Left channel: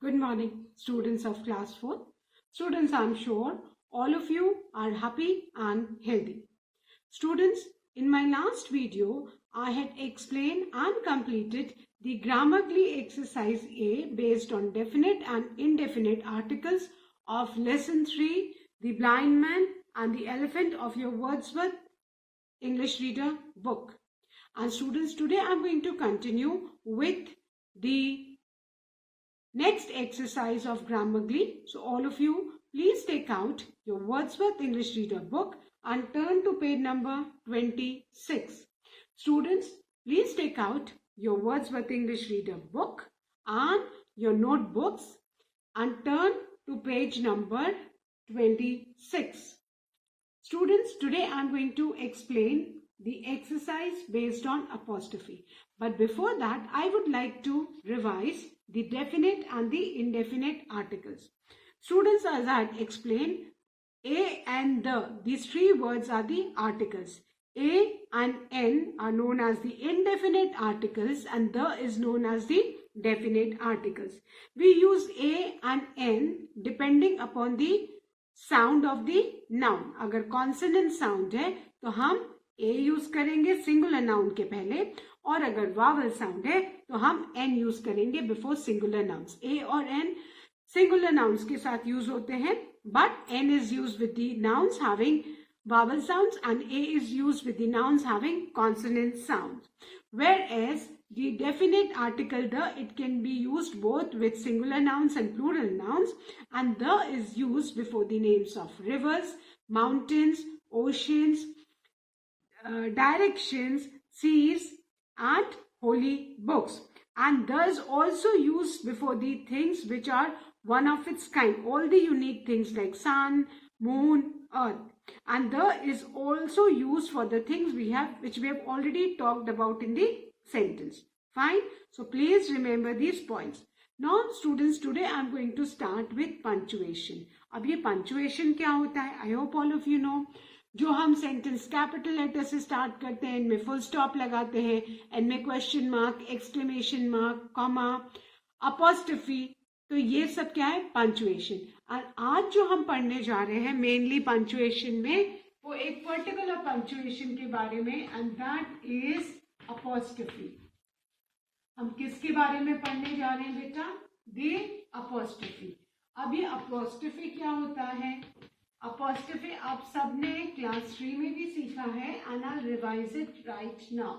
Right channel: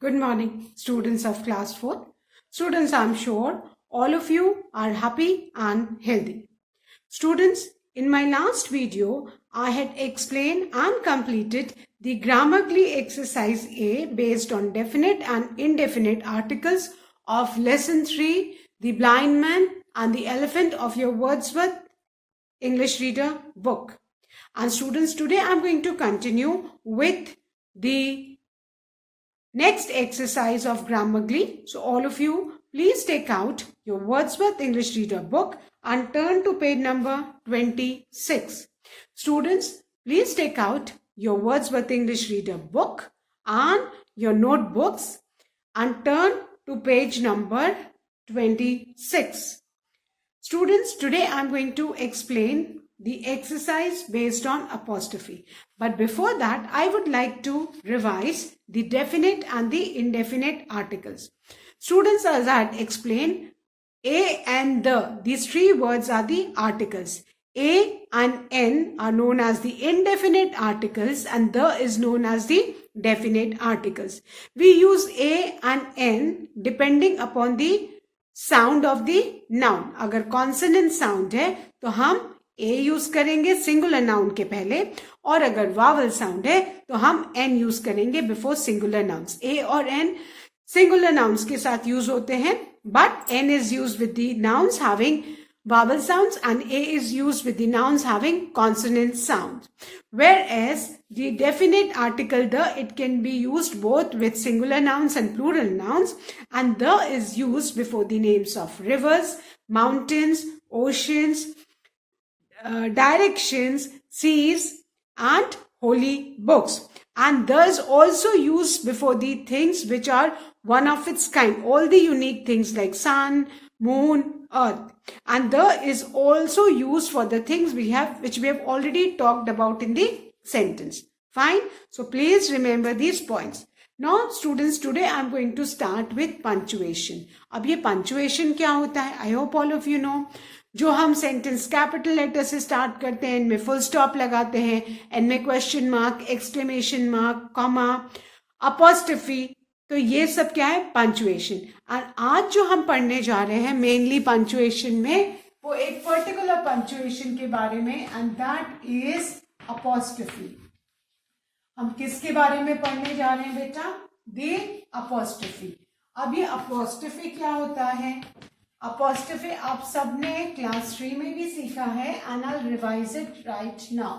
Good morning, students of class 4th. Students, I'm sure all of you are happy and healthy. Students, in my last video, I had explained and completed the Grammarly exercise A based on definite and indefinite articles of lesson 3, The Blind Man and the Elephant of your Wordsworth English Reader book. And students, today I'm going to continue with the next exercise of Grammarly. So all of you, please take out your Wordsworth English Reader book and turn to page number 26. Students, please take out your Wordsworth English Reader book and your notebooks and turn to page number 26. Students, today I am going to explain the exercise based on apostrophe. But before that, I would like to revise the definite and the indefinite articles. Students, as I had explained, A and the, these three words are the articles. A and N are known as the indefinite articles and the is known as the definite articles. We use A and N depending upon the sound of the noun. अगर consonant sound है तो हम a use करेंगे singular noun के पहले, और अगर vowel sound है तो हम एन यूज करेंगे बिफोर सिंगुलर नाउन्स. ए और एन सिंगुलर नाउन्स के साथ यूज होते हैं, but an is use with the nouns having vowel sounds and A is used with the nouns having consonant sounds. Whereas the definite article the, it can be used both with singular nouns and plural nouns, and the is used before the names of rivers, mountains, oceans, directions, seas and holy books. And the is also used before the things which are one of its kind, all the unique things like sun, moon, earth. And the is also used for the things which we have already talked about in the sentence. Fine. So please remember these points. Now students, today I am going to start with punctuation. अब ये punctuation क्या होता है? I hope all of you know. जो हम sentence capital letter से स्टार्ट करते हैं, इनमें फुल स्टॉप लगाते हैं, इनमें question mark, exclamation mark, comma, apostrophe, तो ये सब क्या है? पंचुएशन. और आज जो हम पढ़ने जा रहे हैं मेनली पंचुएशन में, वो एक पर्टिकुलर पंचुएशन के बारे में, एंड दैट इज अपॉस्ट्रोफी. हम किसके बारे में पढ़ने जा रहे हैं बेटा? The apostrophe. अब ये अपॉस्ट्रोफी क्या होता है? अपॉस्ट्रोफी आप सबने क्लास 3 में भी सीखा है, and I will revise it right now.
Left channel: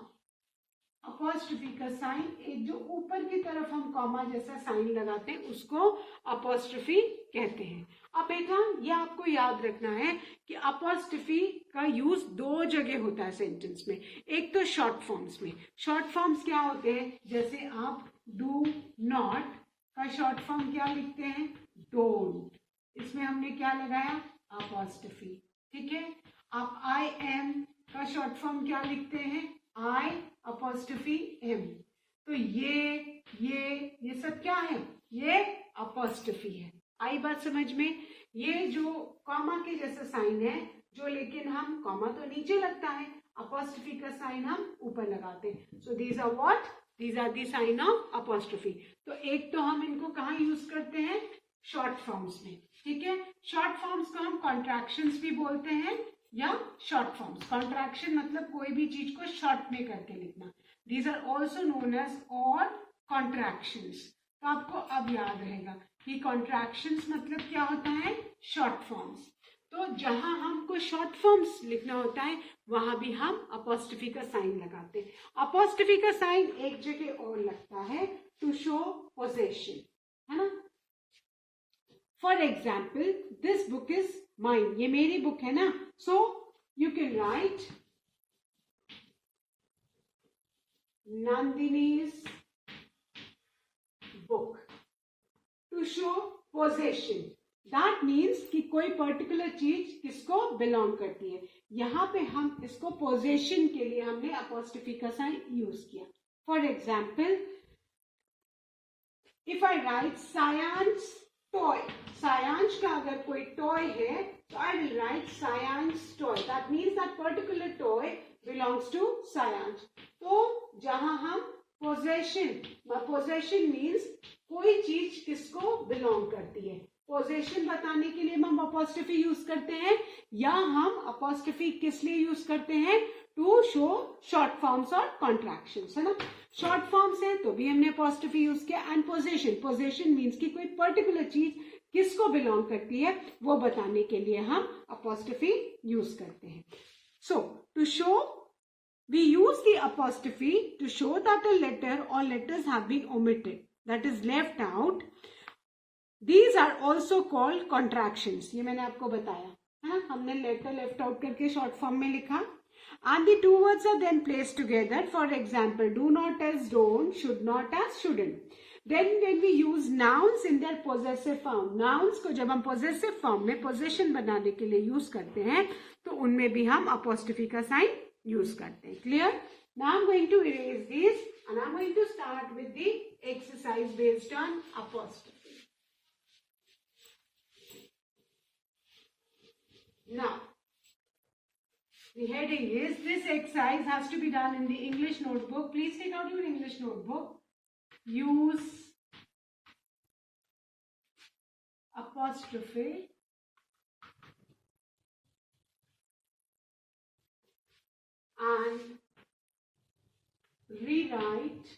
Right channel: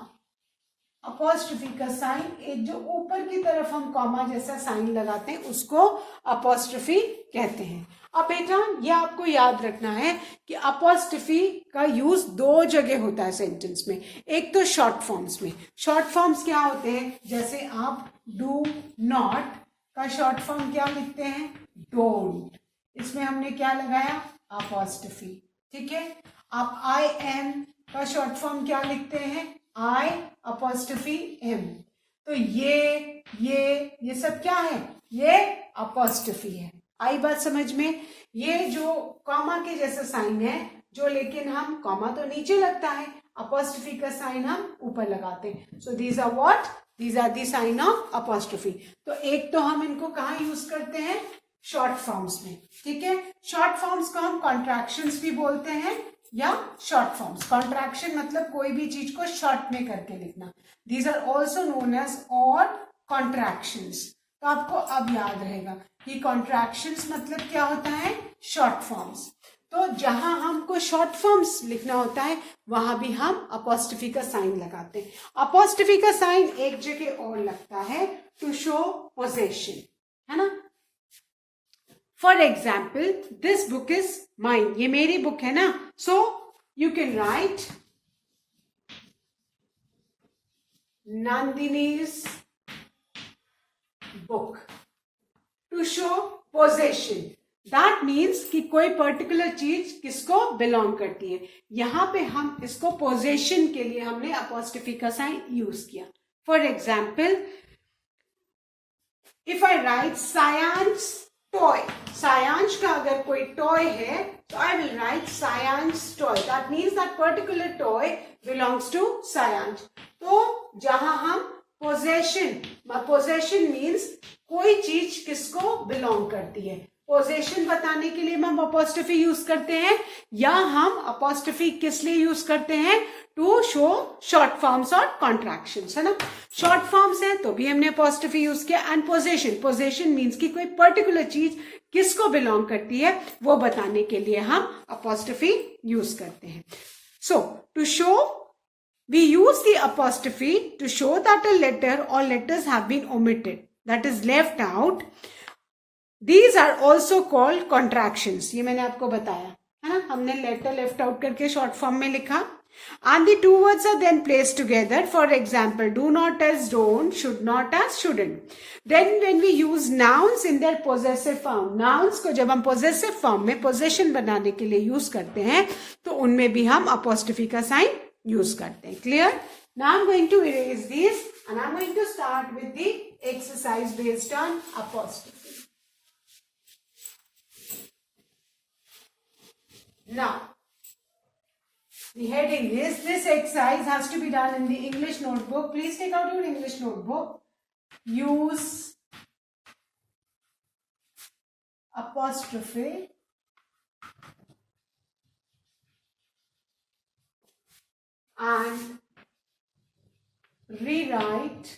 Apostrophe का साइन, एक जो ऊपर की तरफ हम कॉमा जैसा साइन लगाते हैं उसको अपॉस्ट्रोफी कहते हैं. अब बेटा ये आपको याद रखना है कि अपॉस्ट्रोफी का यूज दो जगह होता है सेंटेंस में. एक तो शॉर्ट फॉर्म्स में. शॉर्ट फॉर्म्स क्या होते हैं? जैसे आप डू नॉट का शॉर्ट फॉर्म क्या लिखते हैं? डोंट. इसमें हमने क्या लगाया? अपॉस्ट्रोफी. ठीक है. आप आई एम का शॉर्ट फॉर्म क्या लिखते हैं? I apostrophe M. तो ये सब क्या है? ये अपॉस्ट्रोफी है. आई बात समझ में? ये जो कॉमा के जैसा साइन है, जो लेकिन हम कॉमा तो नीचे लगता है, अपॉस्ट्रोफी का साइन हम ऊपर लगाते हैं. So these are what? These are the sign of apostrophe. तो एक तो हम इनको कहाँ यूज करते हैं? शॉर्ट फॉर्म्स में. ठीक है. शॉर्ट फॉर्म्स को हम कॉन्ट्रैक्शंस भी बोलते हैं या शॉर्ट फॉर्म्स. कॉन्ट्रैक्शन मतलब कोई भी चीज को शॉर्ट में करके लिखना. These are also known as और कॉन्ट्रैक्शंस. तो आपको अब याद रहेगा कि कॉन्ट्रैक्शंस मतलब क्या होता है? Short forms. तो जहां हमको शॉर्ट फॉर्म्स लिखना होता है वहां भी हम अपॉस्ट्रोफी का साइन लगाते हैं. अपॉस्ट्रोफी का साइन एक जगह और लगता है, टू शो पोजेशन, है ना. For example, this book is mine. ये मेरी बुक है ना. So you can write Nandini's book to show possession. That means कि कोई पर्टिकुलर चीज किसको बिलोंग करती है. यहां पे हम इसको पोजेशन के लिए हमने अपॉस्ट्रोफी का साइन यूज किया. For example, if I write Sayansh toy, Sayansh का अगर कोई टॉय है तो I will write Sayansh toy. That means that particular toy belongs to Sayansh. तो जहां हम पोजेशन, पोजेशन मीन्स कोई चीज किसको बिलोंग करती है। पोजेशन बताने के लिए हम अपॉस्ट्रोफी यूज करते हैं, या हम अपॉस्ट्रोफी किस लिए यूज करते हैं, टू शो शॉर्ट फॉर्म्स और कॉन्ट्रैक्शंस, है ना। शॉर्ट फॉर्म्स है तो भी हमने अपॉस्ट्रोफी यूज किया। एंड पोजेशन, पोजेशन मीन्स कि कोई पर्टिकुलर चीज किसको बिलोंग करती है वो बताने के लिए हम अपॉस्ट्रोफी यूज करते हैं। So to show, we use the apostrophe to show that a letter or letters have been omitted, that is left out. These are also called contractions. ये मैंने आपको बताया है ना, हमने letter left out करके short form में लिखा. And the two words are then placed together. For example, do not as don't, should not as shouldn't. Then when we use nouns in their possessive form, nouns को जब हम possessive form में possession बनाने के लिए use करते हैं तो उनमें भी हम apostrophe का sign use करते हैं. Clear? Now I'm going to erase these and I'm going to start with the exercise based on apostrophe. Now, the heading is, this exercise has to be done in the English notebook. Please take out your English notebook. Use apostrophe and rewrite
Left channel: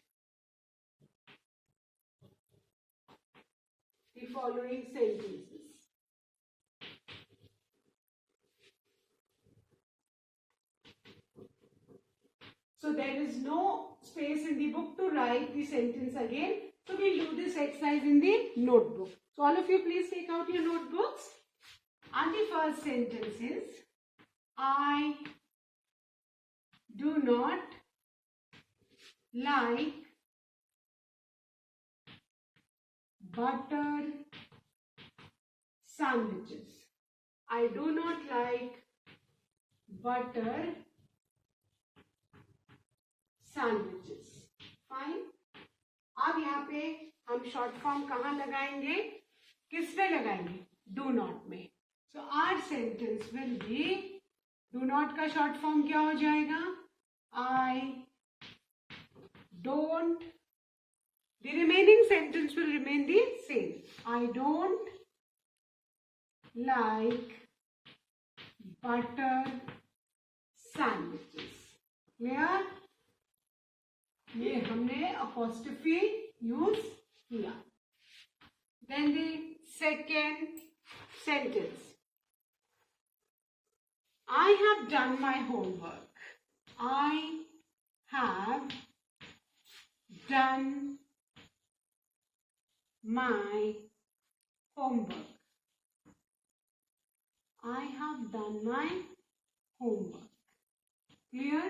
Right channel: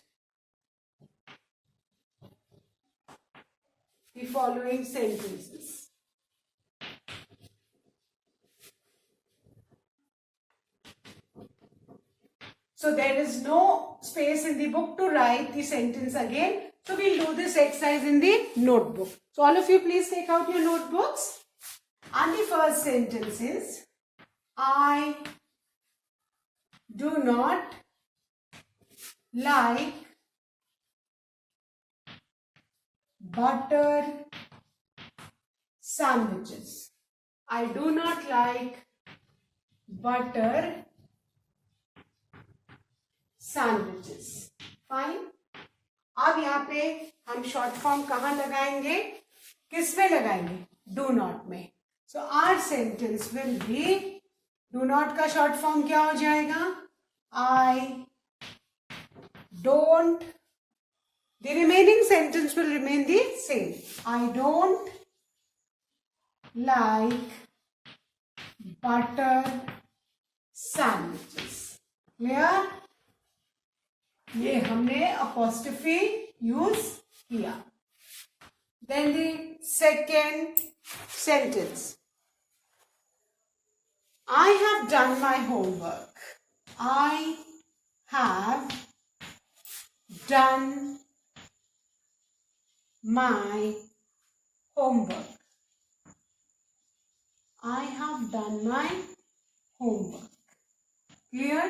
the following sentences. So there is no space in the book to write the sentence again. So we'll do this exercise in the notebook. So all of you please take out your notebooks. And the first sentence is, I do not like butter sandwiches. I do not like butter sandwiches. Fine. अब यहाँ पे हम short form कहाँ लगाएंगे, किस में लगाएंगे, do not में. So our sentence will be, do not का शॉर्ट फॉर्म क्या हो जाएगा, I don't. The remaining sentence will remain the same. I don't like butter sandwiches. Clear? ये हमने अपॉस्ट्रोफी यूज किया. Then the second sentence, I have done my homework. I have done my homework. I have done my homework. Clear?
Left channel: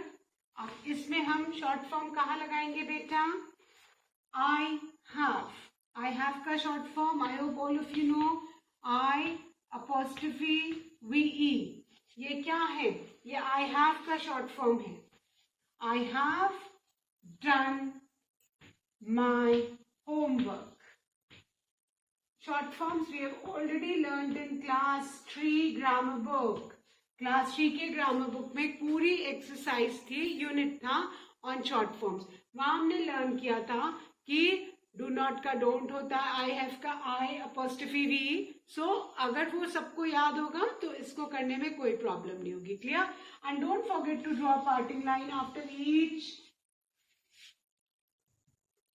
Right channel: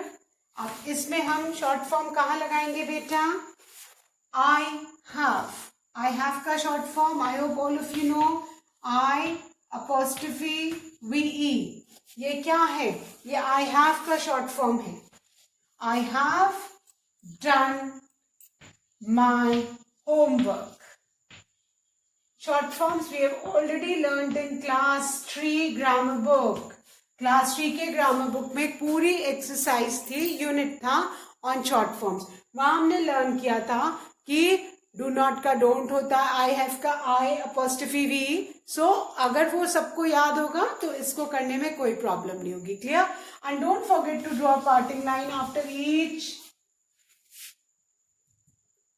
अब इसमें हम short form कहाँ लगाएंगे बेटा, I have. I have का short form, I hope all of you know, I apostrophe VE. ये क्या है, ये I have का शॉर्ट फॉर्म है. I have done my homework. Short forms we have already learned in class 3 grammar book. Class 3 के grammar book में पूरी एक्सरसाइज थी, यूनिट था ऑन शॉर्ट फॉर्म्स. वहां हमने लर्न किया था कि डू नॉट का डोंट होता है, आई हैव का आई अपॉस्ट्रोफी वी. सो अगर वो सबको याद होगा तो इसको करने में कोई प्रॉब्लम नहीं होगी. Clear? And don't forget to draw parting line after each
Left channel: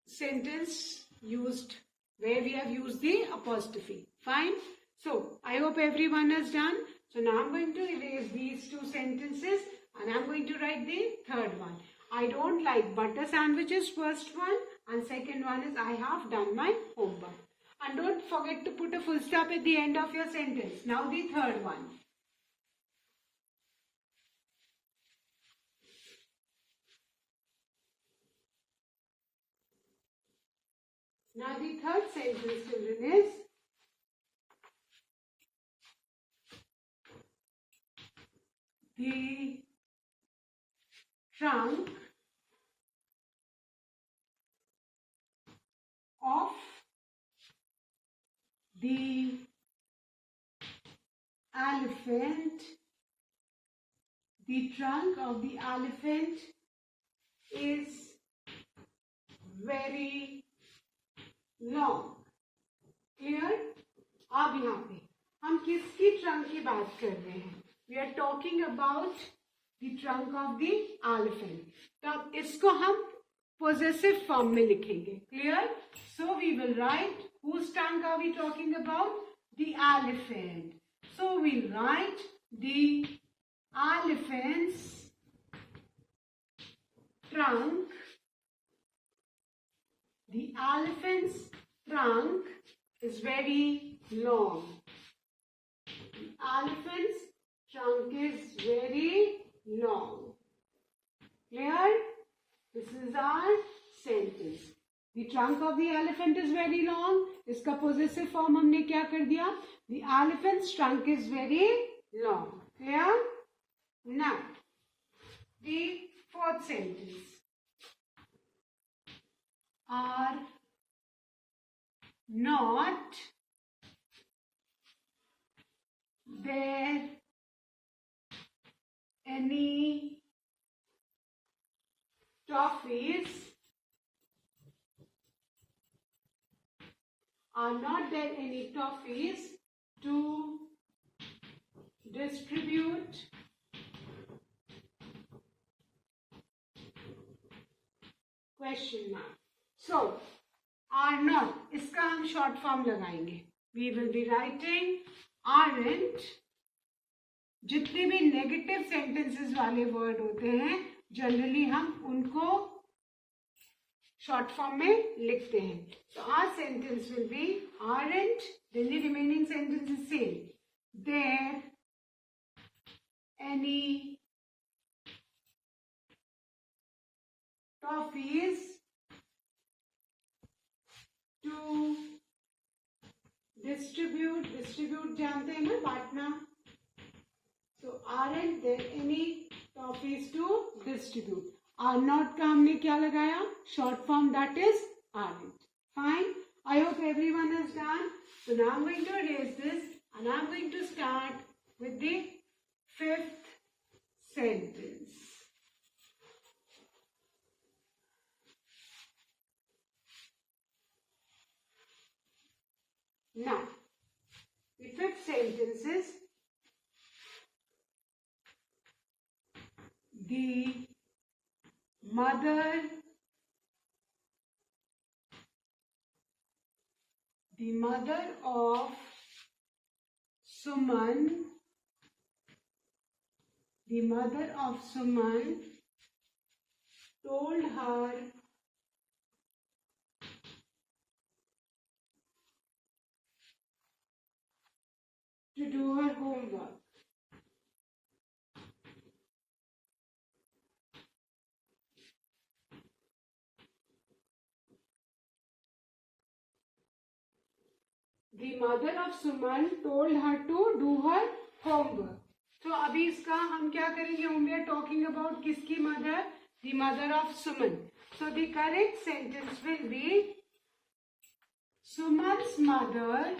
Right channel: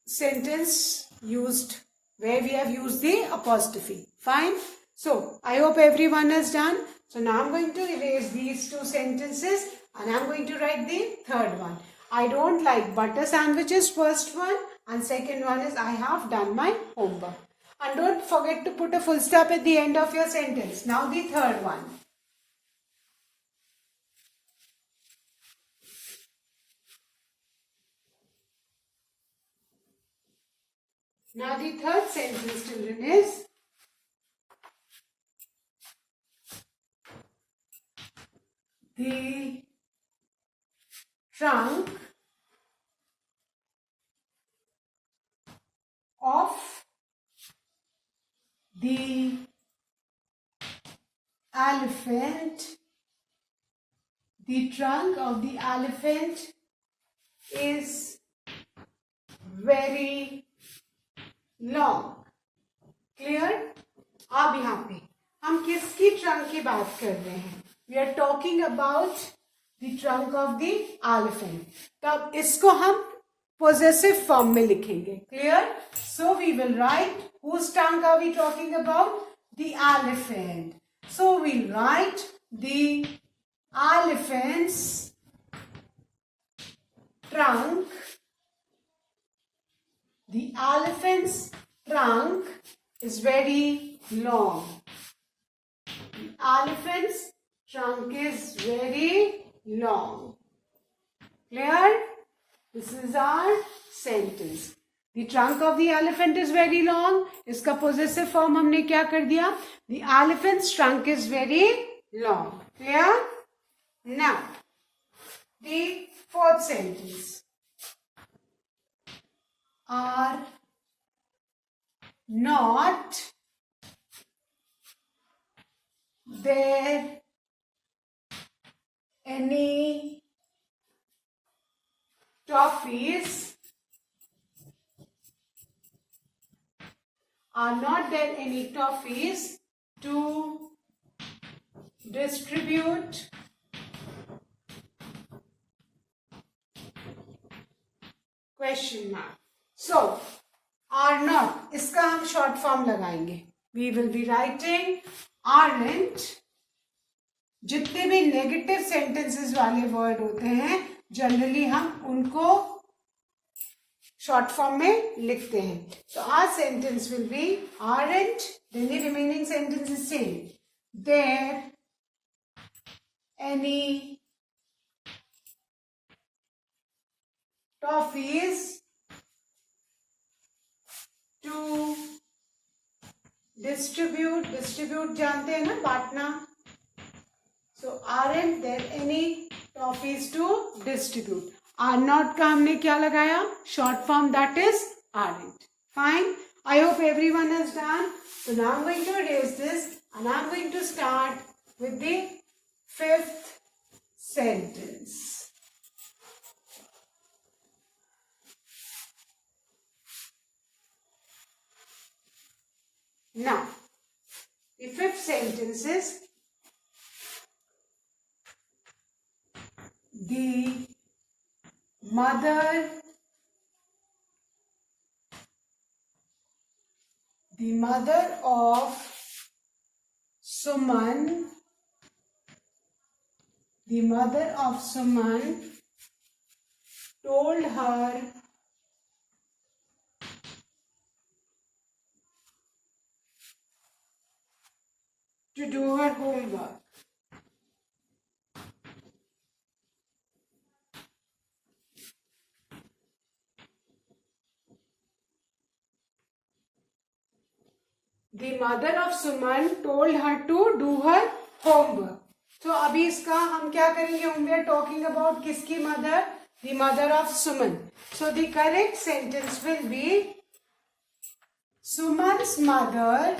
sentence used where we have used the apostrophe. Fine. So I hope everyone has done. So now I'm going to erase these two sentences and I'm going to write the third one. I don't like butter sandwiches, first one, and second one is I have done my homework. And don't forget to put a full stop at the end of your sentence. Now the third one. Now the third sentence, children, is the trunk of the elephant, the trunk of the elephant is very long. Clear? अब यहाँ पे हम किसकी ट्रंक की बात कर रहे हैं? We are talking about the trunk of the elephant. तब इसको हम possessive form में लिखेंगे. Clear? So we will write, whose trunk are we talking about? The elephant. So we'll write the elephant's trunk. The elephant's trunk is very long. The elephant's trunk is very long. Clear? This is our sentence. The trunk of the elephant is very long. इसका possessive form हमने क्या कर दिया? The elephant's trunk is very long. Clear? Now, the fourth sentence. Are not there any toffees? Are not there any toffees to distribute? Question mark. So, are not, इसका हम short form लगाएंगे. We will be writing aren't. जितने भी negative sentences वाले word होते हैं, generally हम उनको short form में लिखते हैं. So, our sentence will be aren't, then the remaining sentence is same. There any toffees to distribute जानते हैं ना, बांटना. So aren't there any toffees to distribute? Are not का हमने क्या लगाया? Short form, that is aren't. Fine. I hope everyone has done. So now I'm going to erase this and I'm going to start with the fifth sentence. Now, the fifth sentence is the mother of Suman told her to do her homework. The mother of Suman told her to do her homework. So अभी इसका हम क्या करेंगे? We are talking about किसकी mother? The mother of Suman. So the correct sentence will be Suman's mother.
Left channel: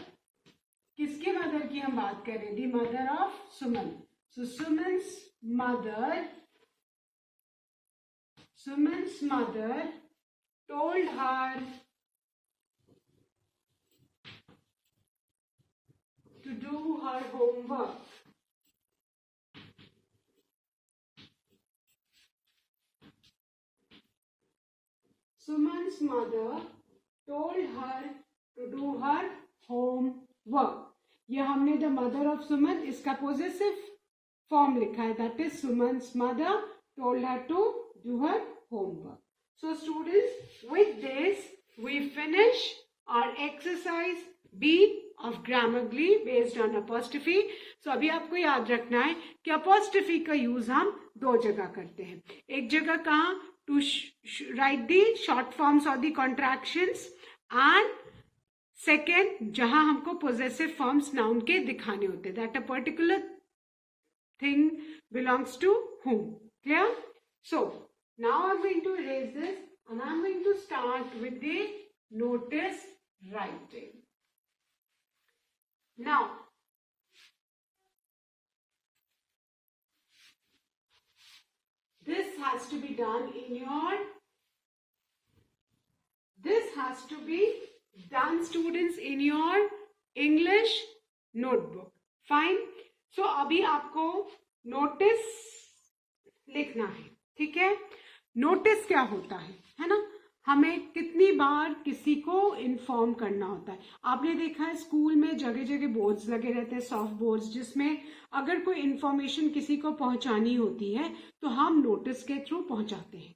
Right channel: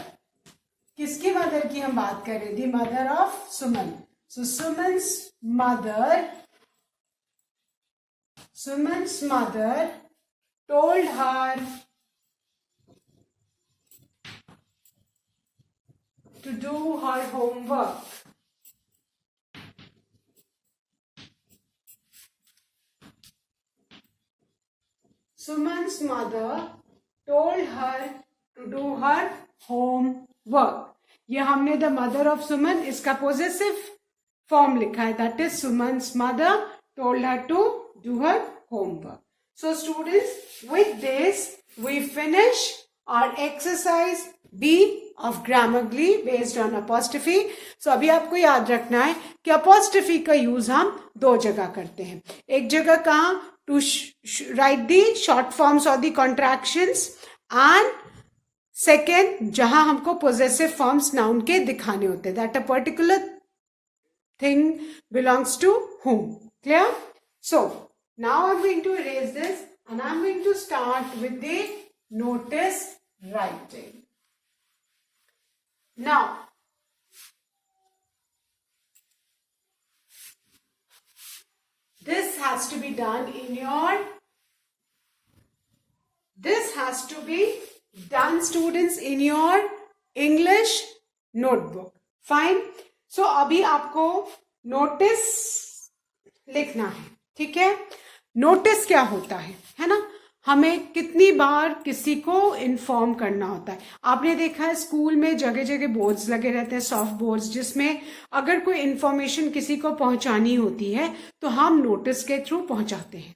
किसकी mother की हम बात कर रहे हैं? The mother of Suman. So Suman's mother told her to do her homework. Suman's mother told her to do her homework. ये हमने the mother of Suman, इसका possessive form लिखा है. That is Suman's mother told her to do her homework. So students, with this we finish our exercise B of Grammarly based on apostrophe. So अभी आपको याद रखना है कि apostrophe का use हम दो जगह करते हैं. एक जगह कहाँ? To write the short forms or the contractions, and second जहाँ हमको possessive forms noun के दिखाने होते हैं, that a particular thing belongs to whom. Clear? So now I'm going to erase this and I'm going to start with the notice writing. Now, this has to be done in your This has to be done, students, in your English notebook. Fine. So अभी आपको नोटिस लिखना है, ठीक है. नोटिस क्या होता है ना. हमें कितनी बार किसी को इन्फॉर्म करना होता है. आपने देखा है स्कूल में जगह जगह बोर्ड्स लगे रहते हैं, सॉफ्ट बोर्ड्स, जिसमें अगर कोई इन्फॉर्मेशन किसी को पहुंचानी होती है तो हम नोटिस के थ्रू पहुंचाते हैं.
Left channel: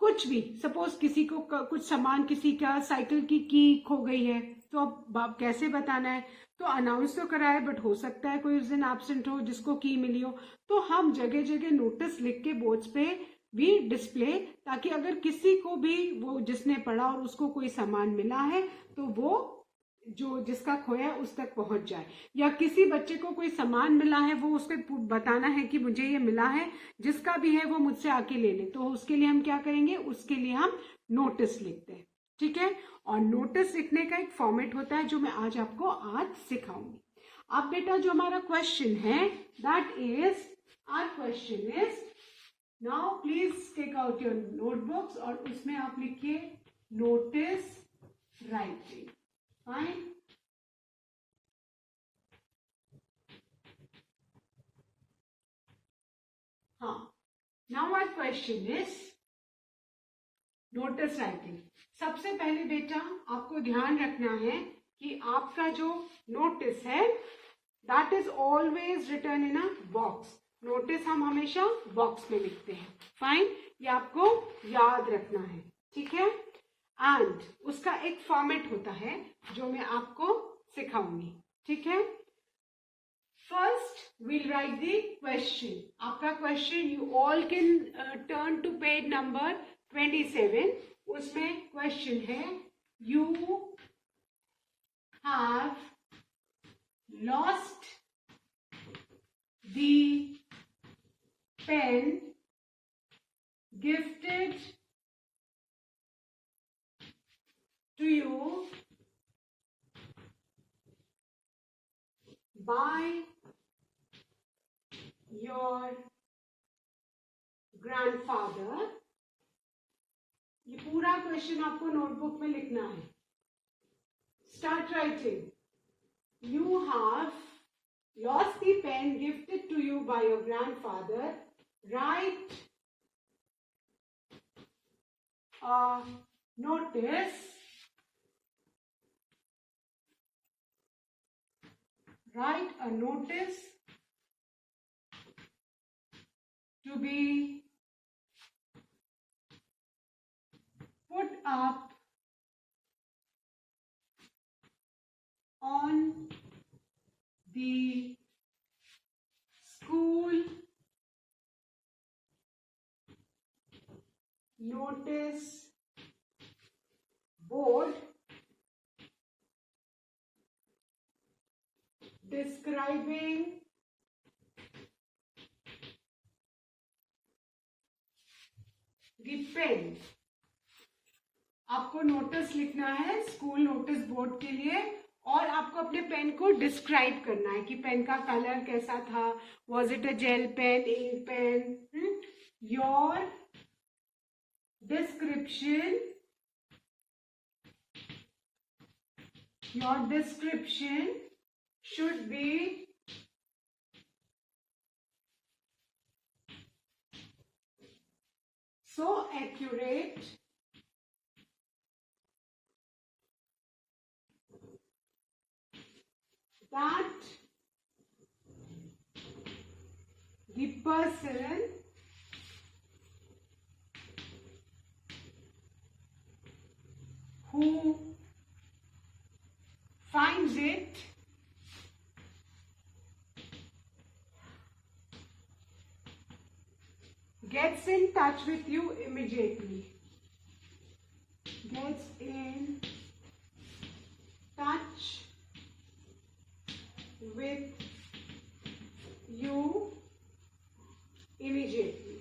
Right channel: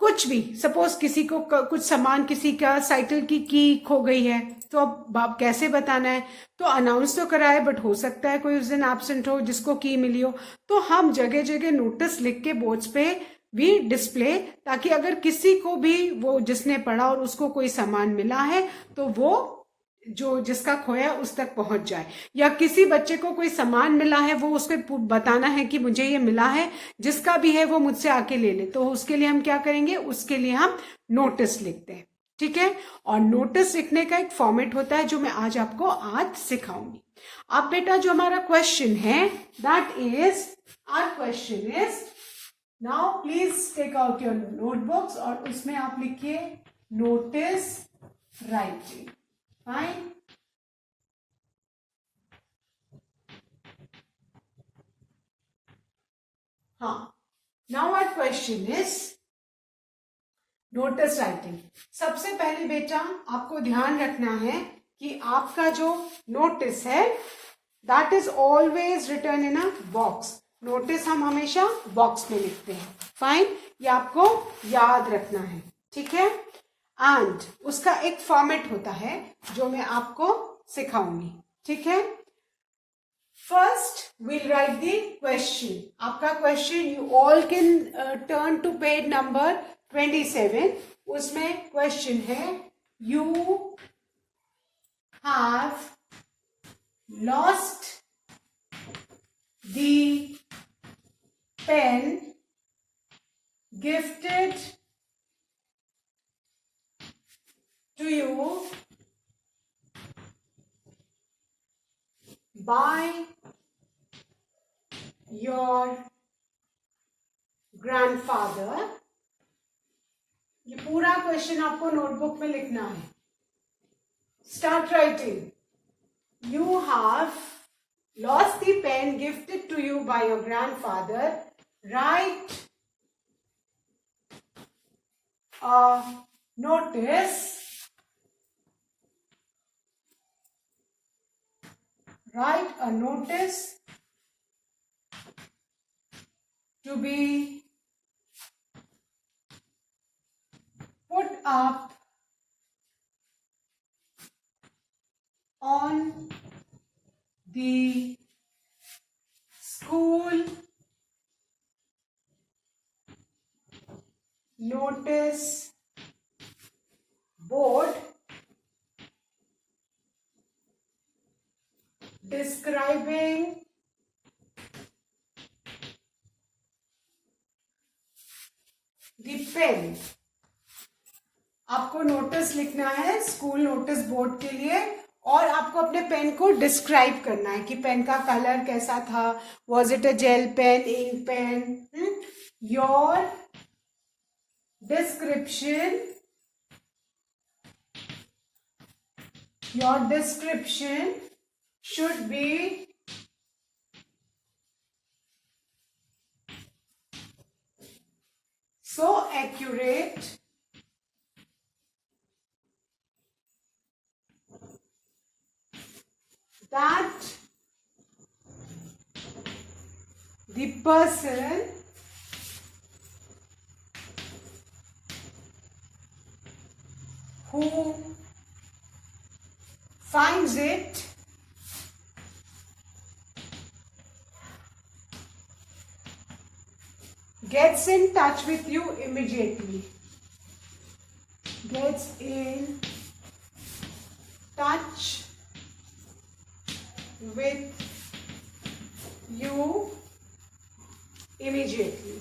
कुछ भी, सपोज किसी को कुछ सामान, किसी का साइकिल की खो गई है, तो अब कैसे बताना है. तो अनाउंस तो करा है, बट हो सकता है कोई उस दिन एब्सेंट हो जिसको की मिली हो, तो हम जगह जगह नोटिस लिख के बोर्ड्स पे भी डिस्प्ले, ताकि अगर किसी को भी वो जिसने पढ़ा और उसको कोई सामान मिला है तो वो जो जिसका खोया उस तक पहुंच जाए. या किसी बच्चे को कोई सामान मिला है, वो उसको बताना है कि मुझे ये मिला है, जिसका भी है वो मुझसे आके ले ले. तो उसके लिए हम क्या करेंगे, उसके लिए हम नोटिस लिखते हैं, ठीक है. और नोटिस लिखने का एक फॉर्मेट होता है जो मैं आज आपको आज सिखाऊंगी. अब बेटा जो हमारा क्वेश्चन है, that is, our question is, now please take out your notebooks और उसमें आप लिखिए नोटिस राइटिंग. फाइन. हाँ, now our question is notice writing. सबसे पहले बेटा आपको ध्यान रखना है कि आपका जो नोटिस है that is always return in a box. Notice हम हमेशा बॉक्स में लिखते हैं. फाइन. ये आपको याद रखना है, ठीक है. एंड उसका एक फॉर्मेट होता है जो मैं आपको सिखाऊंगी, ठीक है. First will write the question. आपका question, you all can turn to page number 27. उसमें क्वेश्चन है, you have lost the pen gifted to you by your grandfather. ये पूरा क्वेश्चन आपको नोटबुक में लिखना है. Start writing. You have lost the pen gifted to you by your grandfather. Write a notice. Write a notice to be put up on the school notice board describing the pen. आपको नोटिस लिखना है school notice board के लिए, और आपको अपने पेन को डिस्क्राइब करना है कि पेन का कलर कैसा था. Was it a gel pen, ink pen. Your description, should be so accurate that the person who finds it gets in touch with you immediately. Gets in touch with you immediately.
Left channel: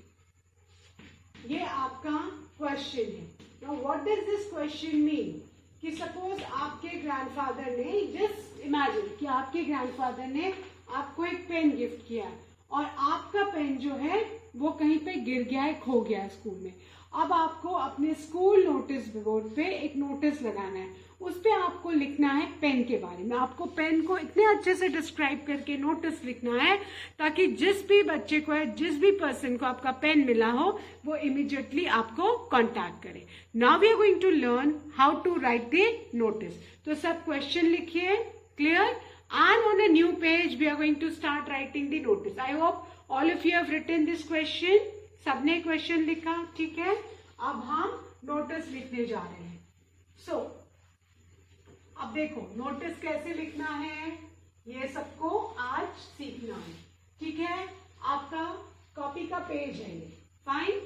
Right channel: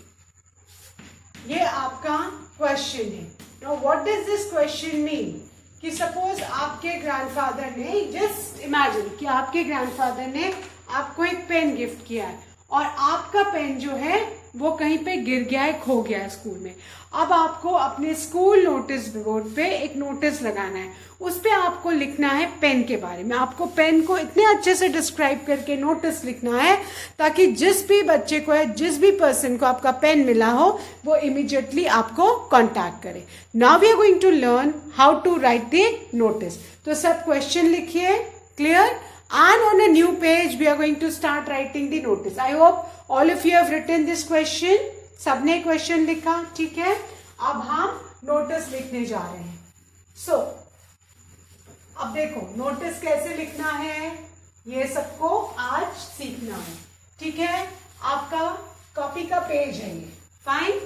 ये आपका क्वेश्चन है. Now what does this question mean? कि सपोज आपके ग्रैंडफादर ने, just imagine कि आपके ग्रैंडफादर ने आपको एक पेन गिफ्ट किया है और आपका पेन जो है वो कहीं पे गिर गया है, खो गया है स्कूल में। अब आपको अपने स्कूल नोटिस बोर्ड पे एक नोटिस लगाना है, उस पे आपको लिखना है पेन के बारे में। आपको पेन को इतने अच्छे से डिस्क्राइब करके नोटिस लिखना है ताकि जिस भी बच्चे को है, जिस भी पर्सन को आपका पेन मिला हो, वो इमीडिएटली आपको कांटेक्ट करे। Now we are going to learn how to write the notice. तो सब क्वेश्चन लिखिए, clear, and on a new page we are going to start writing the notice. I hope all of you have written this question. सबने क्वेश्चन लिखा, ठीक है। अब हम नोटिस लिखने जा रहे हैं। सो अब देखो नोटिस कैसे लिखना है, ये सबको आज सीखना है, ठीक है। आपका कॉपी का पेज है ये, fine.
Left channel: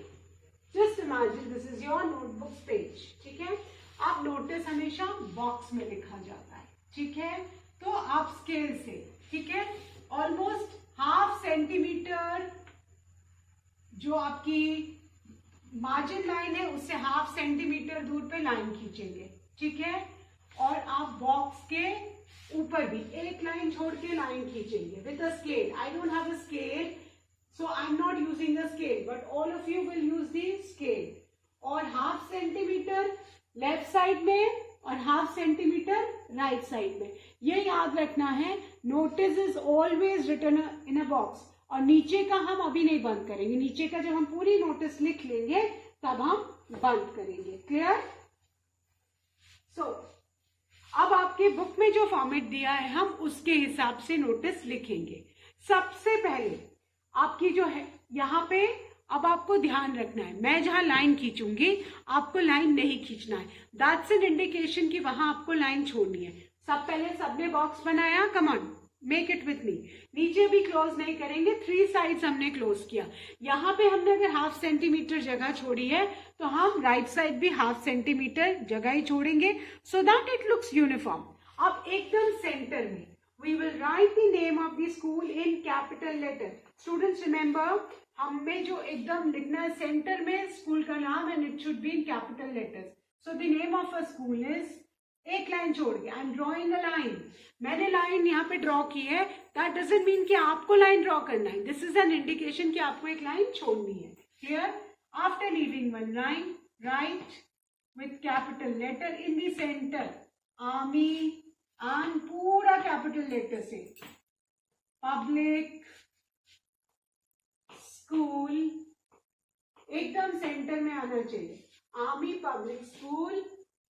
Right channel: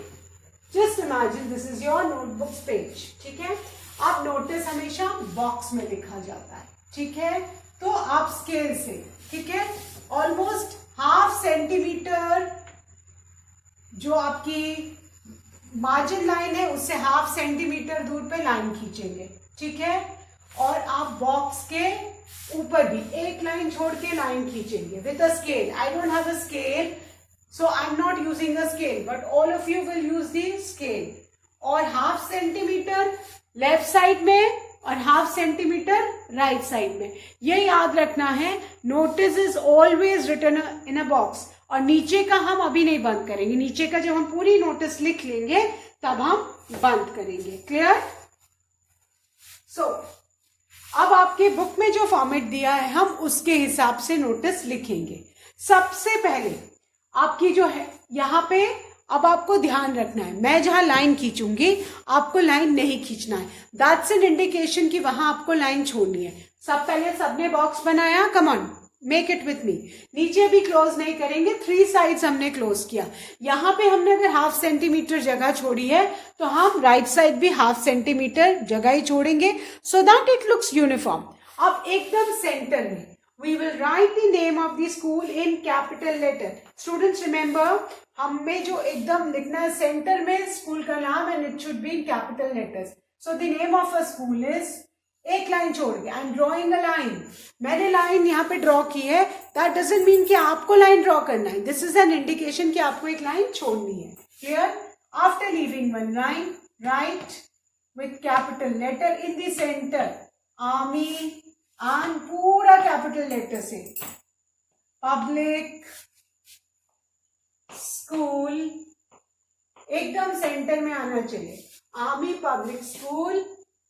Just imagine this is your notebooks page, ठीक है। अब नोटिस हमेशा बॉक्स में लिखा जाता है, ठीक है। तो आप स्केल से, ठीक है, ऑलमोस्ट हाफ सेंटीमीटर जो आपकी मार्जिन लाइन है उससे हाफ सेंटीमीटर दूर पे लाइन खींचेंगे, ठीक है। और आप बॉक्स के ऊपर भी एक लाइन छोड़ के लाइन खींचेंगे with a scale. I don't have a scale, so I am not using a scale, but all of you will use the scale. और हाफ सेंटीमीटर लेफ्ट साइड में और हाफ सेंटीमीटर राइट साइड में। ये याद रखना है, notice is always written in a box. और नीचे का हम अभी नहीं बंद करेंगे, नीचे का जब हम पूरी नोटिस लिख लेंगे तब हम बंद करेंगे, क्लियर। सो अब आपके बुक में जो फॉर्मेट दिया है हम उसके हिसाब से नोटिस लिखेंगे। सबसे पहले आपकी जो है यहाँ पे, अब आपको ध्यान रखना है, मैं जहां लाइन खींचूंगी आपको लाइन नहीं खींचना है। दैट्स एन इंडिकेशन कि वहां आपको लाइन छोड़नी है। सब पहले सबने बॉक्स बनाया, come on make it with me. नीचे भी क्लोज नहीं करेंगे, 3 साइड्स हमने क्लोज किया। यहाँ पे हमने अगर हाफ सेंटीमीटर जगह छोड़ी है तो हम राइट साइड भी हाफ सेंटीमीटर जगह ही छोड़ेंगे, so that it looks uniform. अब एकदम सेंटर में we will write the name of the school in capital letter. Students remember, हमें जो एकदम लिखना है सेंटर में स्कूल का नाम, and it should be in capital letters. So the name of a school is, एक लाइन छोड़ के आई एम ड्रॉइंग अ लाइन। मैंने लाइन यहाँ पे ड्रॉ की है, दैट डजंट मीन कि आपको लाइन ड्रॉ करना है। दिस इज एन इंडिकेशन कि आपको एक लाइन छोड़नी है, clear. After leaving one line, write with capital letter in the centre Army, एंड पूरा कैपिटल लेटर से पब्लिक स्कूल एकदम सेंटर में आना चाहिए। Army Public School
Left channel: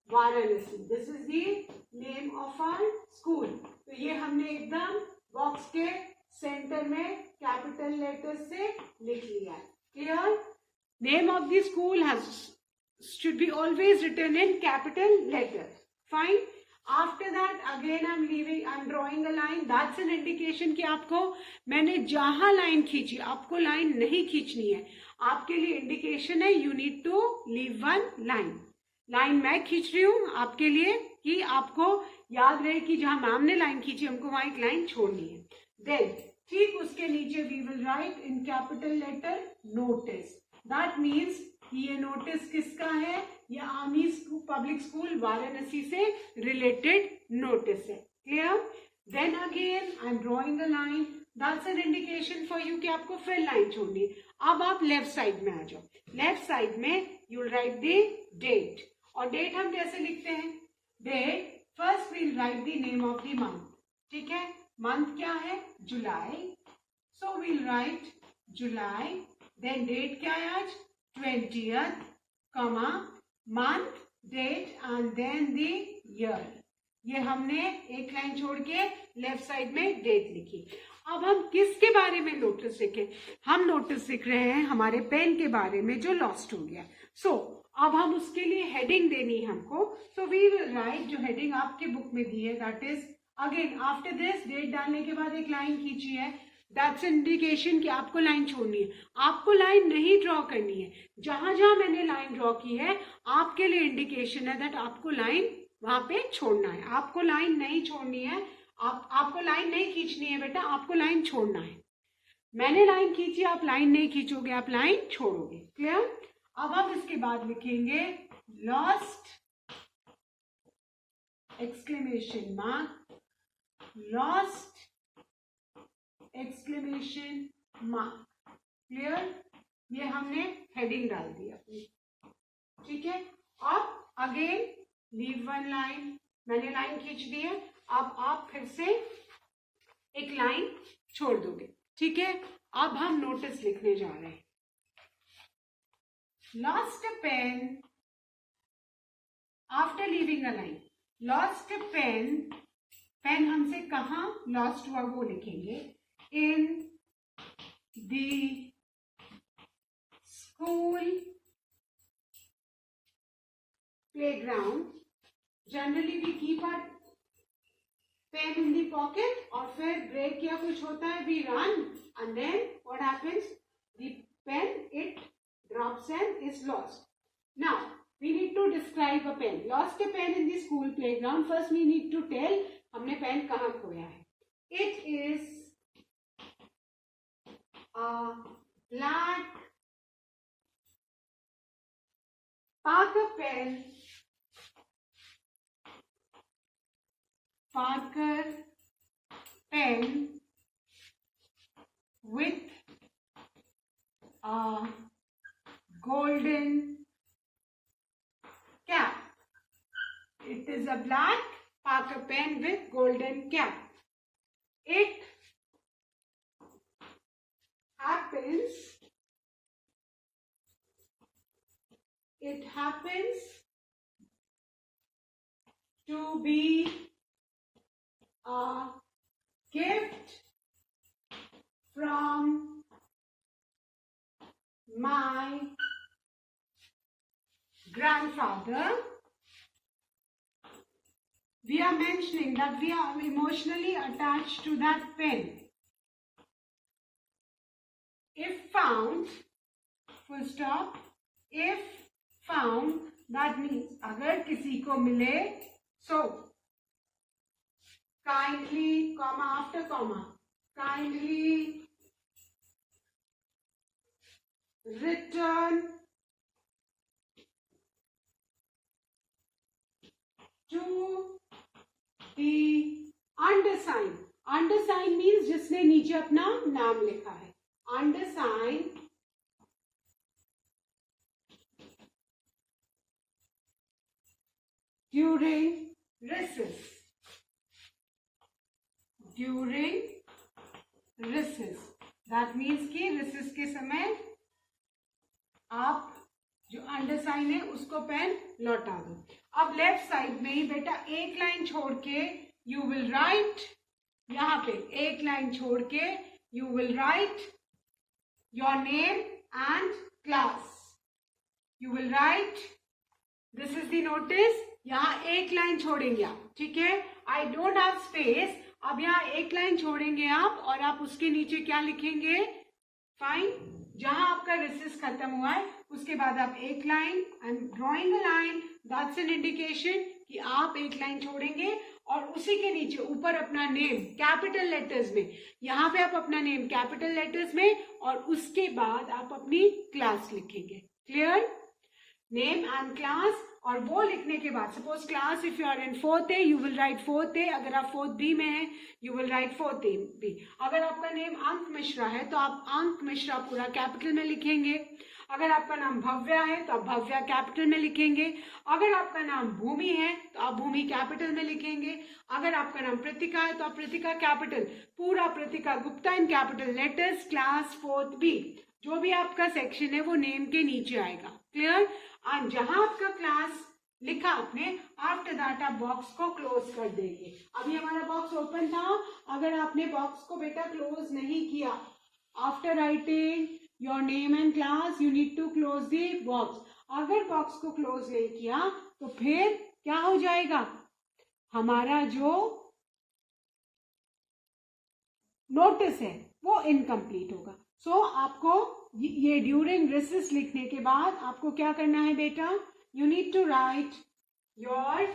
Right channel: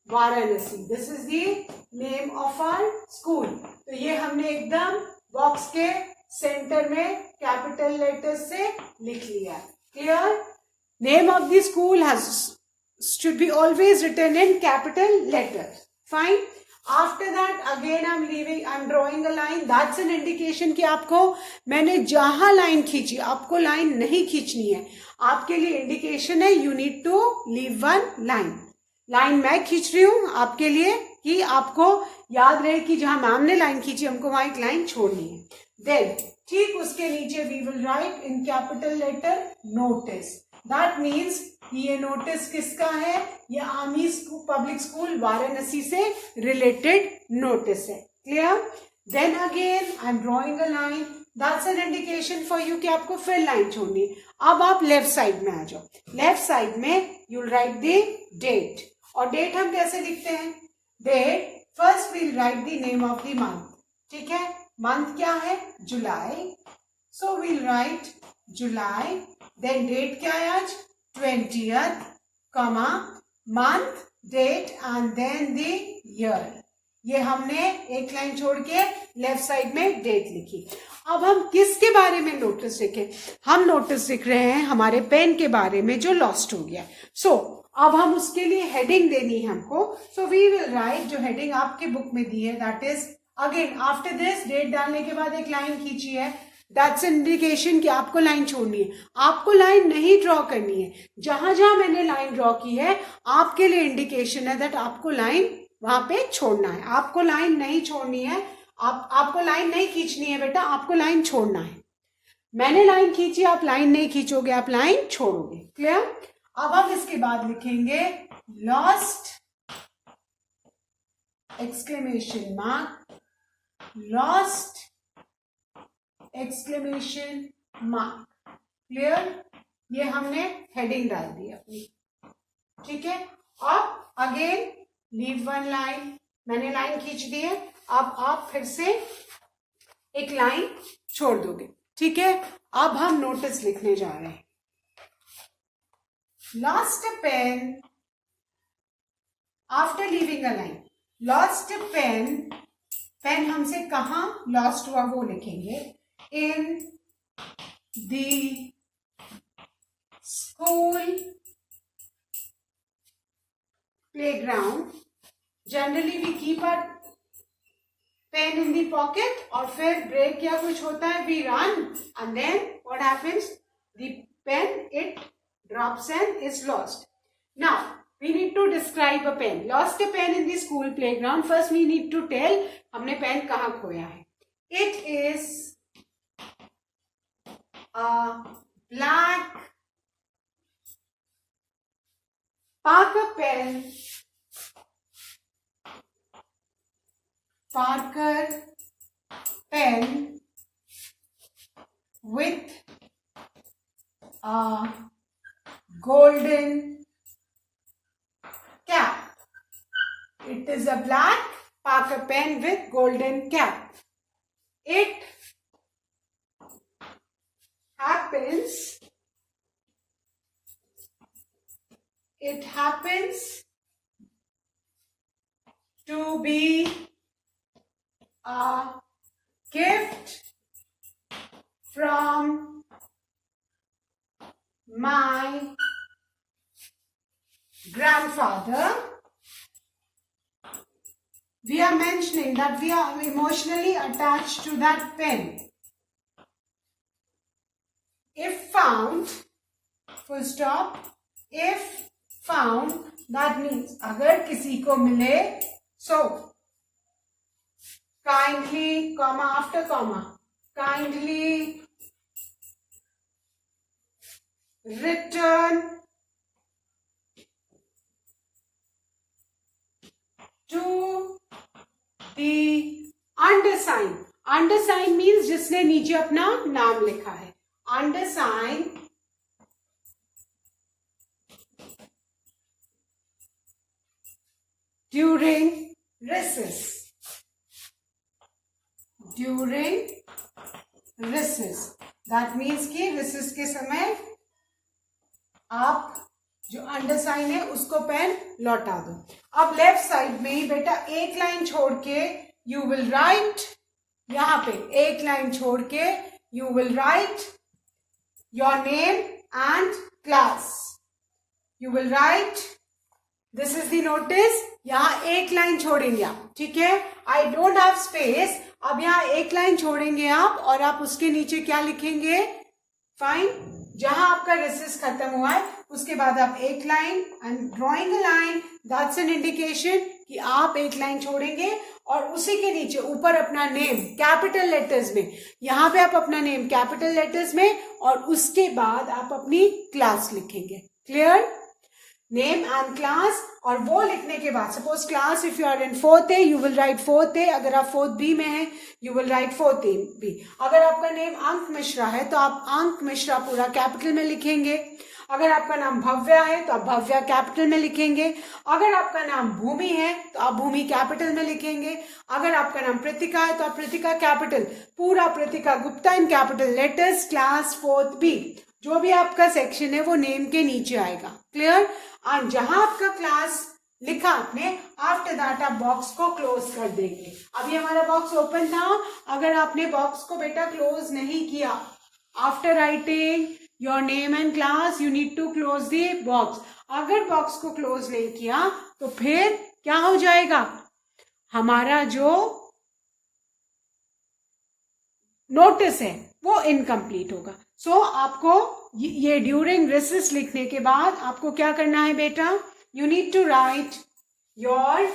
Varanasi, this is the name of our school. तो ये हमने एकदम बॉक्स के सेंटर में कैपिटल लेटर से लिख लिया, clear. Name of the school has should be always written in capital letters, fine. After that again I'm drawing a line. That's an indication कि आपको, मैंने जहां लाइन खींची आपको लाइन नहीं खींचनी है। आपके लिए इंडिकेशन है, you need to leave one line. Line मैं खींच रही हूं आपके लिए कि आपको याद रहे कि जहां मैम ने लाइन खींची हमको वहां एक लाइन छोड़नी है। देन ठीक उसके नीचे we will write in capital letter notice. That means ये नोटिस किसका है, ये आर्मी पब्लिक स्कूल वाराणसी से रिलेटेड नोटिस है, clear. Then again I am drawing a line, that's an indication for you कि आपको फिर लाइन छोड़नी है। अब आप लेफ्ट साइड में आ जाओ। लेफ्ट साइड में यू राइट द डेट। और डेट हम कैसे लिखते हैं, date first we'll write the name of the month, ठीक है। मंथ क्या है, July, so we'll write July. Then date क्या है आज, 20th, comma, month, date and then the year. ये हमने एक लाइन छोड़ के लेफ्ट साइड में डेट लिखी। अब हम किसके बारे में नोटिस लिखे, हम नोटिस लिख रहे हैं हमारे पेन के बारे में जो लॉस्ट हो गया। सो अब हम उसके लिए हेडिंग देनी है हमको। सो वी विल राइट, जो हेडिंग आपके बुक में दी है, that is again after this date डालने के बाद एक लाइन खींची है। दैट्स इंडिकेशन कि आपको लाइन छोड़नी है। आपको लाइन नहीं ड्रॉ करनी है, जहां जहां मैंने लाइन ड्रॉ की है आपके लिए इंडिकेशन है दैट आपको लाइन वहां पे छोड़ना है। आपको लाइन नहीं छोड़नी है, आपको लाइन नहीं खींचनी है बेटा, आपको लाइन छोड़ना है। मैंने लाइन खींची, आप लाइन नहीं खींचोगे, आप लाइन छोड़ोगे, क्लियर। अब हम इसके बाद लिखेंगे lost exclamation mark, lost exclamation mark. Clear? ये हमने हेडिंग डाल दी अपनी, ठीक है. अब अगेन लीव वन लाइन, मैंने लाइन खींच दी है. अब आप फिर से एक लाइन छोड़ दोगे, ठीक है. अब हम नोटिस लिखने जा रहे हैं. Lost a pen after leaving a line. Lost a pen, pen हमसे कहाँ लॉस्ट हुआ वो लिखेंगे. In the school playground. Generally we keep a pen in the pocket, और फिर ब्रेक या कुछ होता है, we run, and then what happens, the pen it drops and is lost. Now we need to describe a pen. Lost a pen in the school playground. First we need to tell हमने पेन कहाँ खोया है. It is a black Parker pen. Parker pen with a golden cap. It is a black Parker pen with golden cap. It happens to be a gift from my grandfather. We are mentioning that we are emotionally attached to that pen. If found, full stop, if found, that means अगर किसी को मिले, so kindly, comma after comma, kindly return to the undersign. Undersign means जिसने नीचे अपना नाम लिखा है. Undersign during recess. During recess. That means कि recess के समय आप जो अंडरसाइन है उसको पेन लौटा दो. अब लेफ्ट साइड में ही बेटा एक लाइन छोड़ के यू विल राइट, यहाँ पे एक लाइन छोड़ के you will right your name and class. You will right, this is the notice. यहाँ एक लाइन छोड़ेंगे आप, ठीक है. I don't have space. अब यहाँ एक लाइन छोड़ेंगे आप, और आप उसके नीचे क्या लिखेंगे, फाइन. जहां आपका रेसिस खत्म हुआ है उसके बाद आप एक line, and drawing a line, that's an indication कि आप एक लाइन छोड़ेंगे, और उसी के नीचे ऊपर अपना नेम कैपिटल लेटर्स में, यहाँ पे आप अपना नेम कैपिटल लेटर्स में, और उसके बाद आप अपनी क्लास लिखेंगे. क्लियर? Name and class. और वो लिखने के बाद suppose class, if you are in 4th A you will write 4th A. अगर आप 4th B में हैं you will write 4th B. अगर आपका नेम अंक मिश्रा है तो आप अंक मिश्रा पूरा कैपिटल में लिखेंगे. अगर आपका नाम भव्या है तो आप भव्या कैपिटल में लिखेंगे. अगर आपका नाम भूमि है तो आप भूमि कैपिटल में लिखेंगे. अगर आपका नाम प्रीतिका है तो आप प्रीतिका कैपिटल, पूरा Preetika Gupta in capital letters, class 4th B. जो भी आपका सेक्शन है वो नेम के नीचे आएगा. क्लियर? और जहां आपका क्लास लिखा आपने, आफ्टर दैट आप बॉक्स को क्लोज कर देंगे. अभी हमारा बॉक्स ओपन था. अगर आपने बॉक्स को बेटा क्लोज नहीं किया, after writing your name and class you need to close the box. अगर बॉक्स को क्लोज नहीं किया तो फिर क्या हो जाएगा, हमारा जो नोटिस है वो इनकम्प्लीट होगा. सो आपको ये ड्यूरिंग रिसेस लिखने के बाद आपको क्या करना है बेटा, you need to write your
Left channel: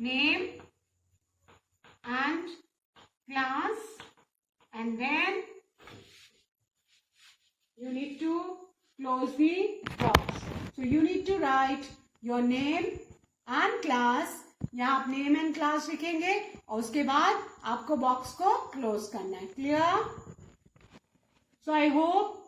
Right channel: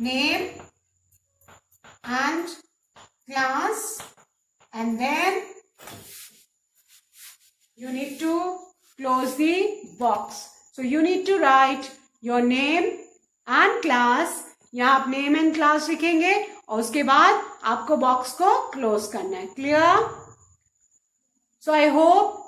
name and class, and then you need to close the box. So you need to write your name and class, यहाँ आप नेम एंड क्लास लिखेंगे और उसके बाद आपको बॉक्स को क्लोज करना है. क्लियर? सो I hope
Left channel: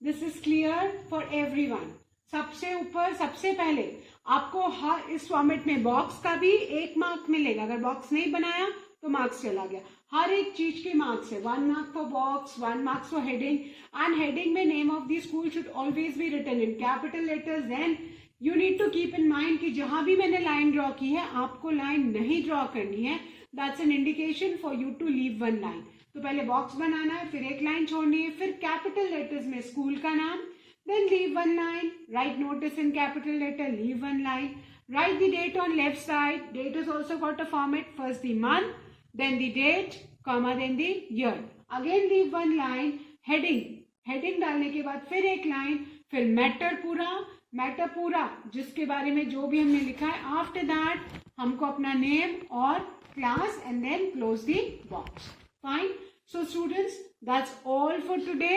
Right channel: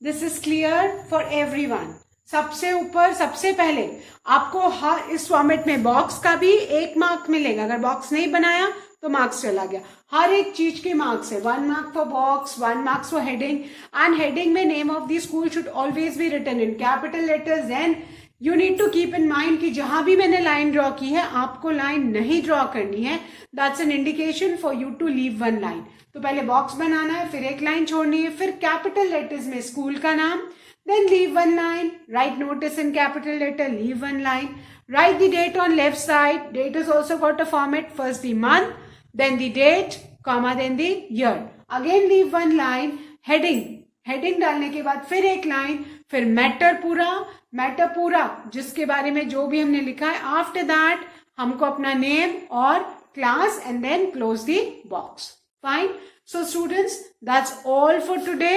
this is clear for everyone. सबसे ऊपर सबसे पहले आपको हर इस फॉर्मेट में बॉक्स का भी 1 मार्क मिलेगा. अगर बॉक्स नहीं बनाया तो मार्क्स चला गया. हर एक चीज के मार्क्स है. 1 mark for box, 1 marks for heading. And heading में name of the school should always be written in capital letters. And you need to keep in mind कि जहां भी मैंने लाइन ड्रॉ की है आपको लाइन नहीं ड्रॉ करनी है. That's an indication for you to leave 1 line. तो पहले बॉक्स बनाना है, फिर 1 लाइन छोड़नी है, फिर कैपिटल लेटर्स में स्कूल का नाम, then leave 1 line, write notice in capital letter, leave 1 line, write the date on left side. Date has also got a format, first the month, then the date, comma, then the year. Again leave 1 line. heading डालने के बाद फिर 1 लाइन, फिर मैटर पूरा जिसके बारे में जो भी हमने लिखा है. आफ्टर दैट हमको अपना नेम और class and then close the box. Fine. So students, that's all for today.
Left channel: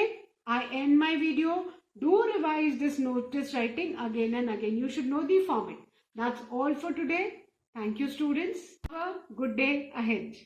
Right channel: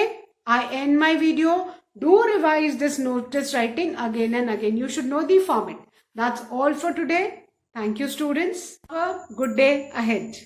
I end my video. Do revise this notice writing again and again. You should know the format. That's all for today. Thank you, students. Have a good day ahead.